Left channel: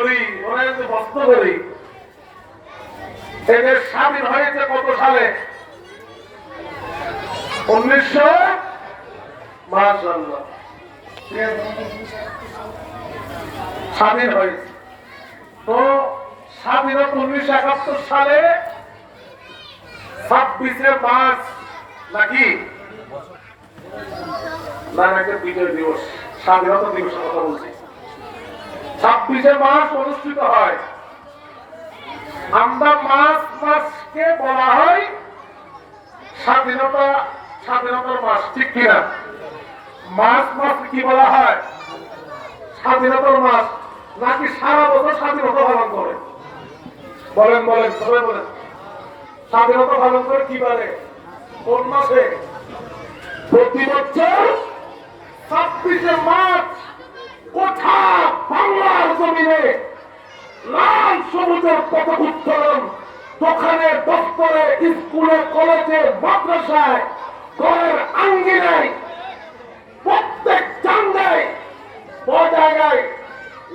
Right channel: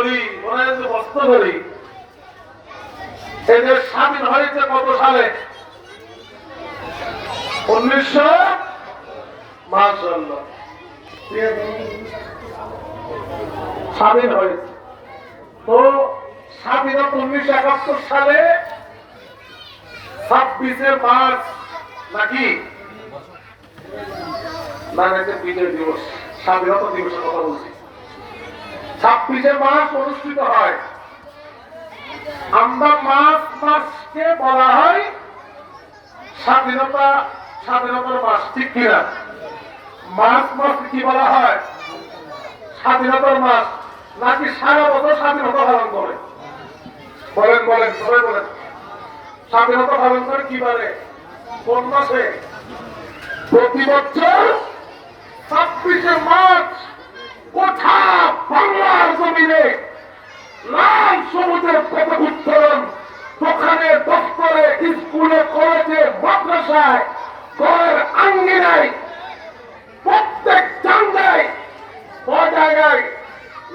বলি, ওরা যদি প্রশ্ন করি এই দেশ স্বাধীন হয়েছে কত সালে? 1900 মাশাআল্লাহ স্বাধীন হয়েছে। তো স্বাধীনতা 1971 সালে 26শে মার্চ নাকি না একটা বিজয় দিবস, স্বাধীনতা দিবসের কথা বলছি। 26শে মার্চ অনুষ্ঠিত হয়। আমরা মাসকে বলা হয় স্বাধীনতার মাস, ঠিক কিনা? মাস কি বলা হয়? স্বাধীনতার মাস। নাকি সারা বছর স্বাধীনতা পালন করে? বলেন সবাই বলেন। স্বাধীনতা পালন করে কি বারে, কোন মাসে? প্রতি বছর 26শে মার্চ কোথা বাংলার জমিনে লাল সবুজের পতাকা উত্তোলন, দোকানে দপ্তরে স্কুলে কলেজে মাদ্রাসায় ঘরের আঙ্গিনায় প্রত্যেক জায়গায় জায়গায়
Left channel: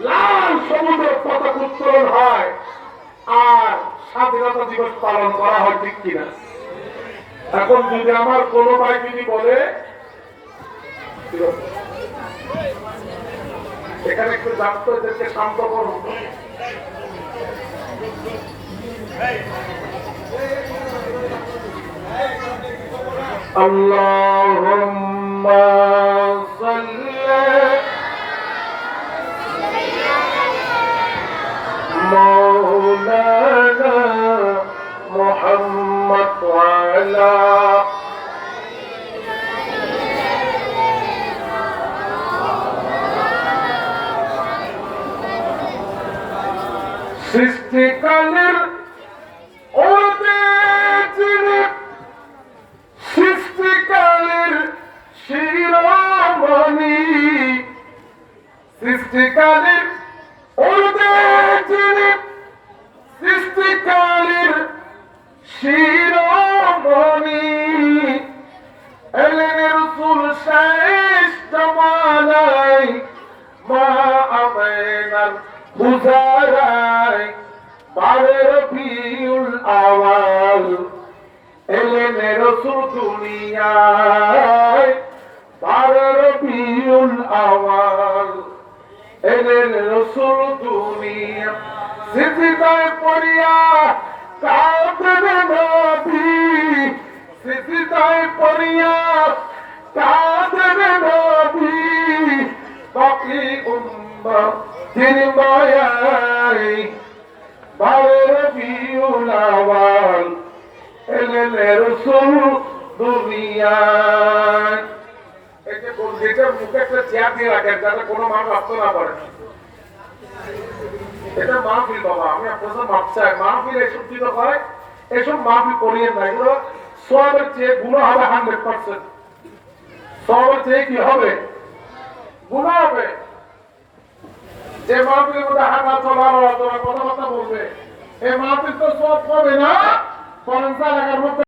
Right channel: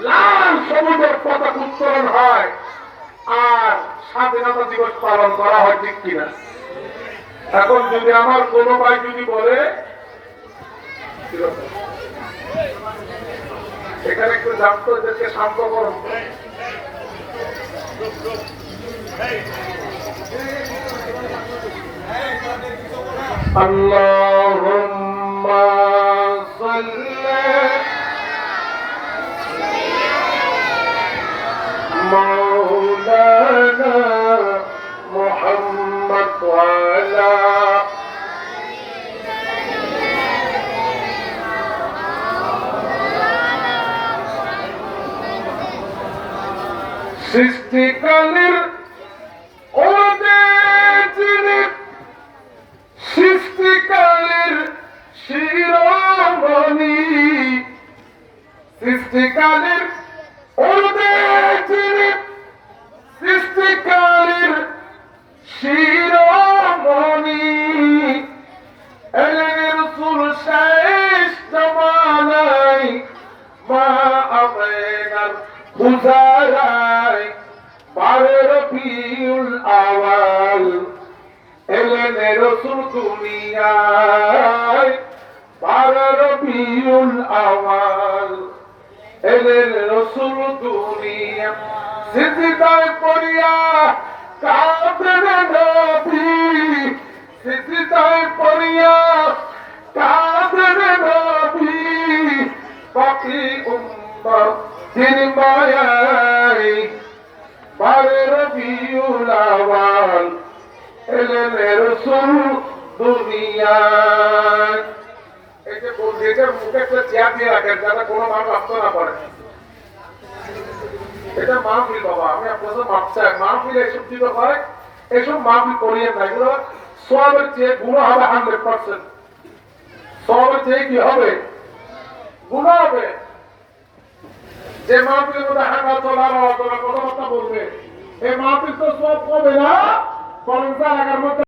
লাল সবুজের পতাকা উত্তোলন হয় আর স্বাধীনতা দিবস পালন করা হয়, ঠিক কিনা? এখন যদি আমার কোনো ভাই যদি বলে এখানে একটু ছাত্রদেরকে শান্ত করুন, আল্লাহুম্মা সাল্লি মাওলানা মুহাম্মদ ওয়া আলা সৃষ্টিকালের সৃষ্টিকালের শিরোমণি, সৃষ্টিকালের সৃষ্টিকালের শিরোমণি, এলেন রাসূল শেষ জামানায় মা আমেনার বুঝারায় 12 রবিউল আওয়াল এলেন রাসূল দুনিয়ায়, 12 রবিউল আওয়াল এলেন রাসূল দুনিয়া। সিজদায় পড়িয়া কাঁদেন নবী, সিজদায় পড়িয়া কাঁদেন নবী, বাকি উম্মত দিন মায়ায় 12 রবিউল আওয়াল এলেন রাসূল দুনিয়ায়। এই যে যেটার মুখে একটা চেয়ার দিয়ে রাখেন যাতে কোনো মানুষ আসতে না পারে, এটা মাহফিল বাবা। আমি আপনাদের মাপ চাই, মাহফিল এসব দিতে হয়, এসব মাহফিল করিয়েন না। এগুলো সওয়াবের চেয়ে গুনাহ হবে 100%। সওয়াবের চেয়ে কি হবে? গুনাহ হবে। যে মাহফিলের মধ্যে হাঁটা চলা কথাবার্তা বলবে, এই মাহফিল তো সওয়াব পাবে না, বরং এলাকার মধ্যে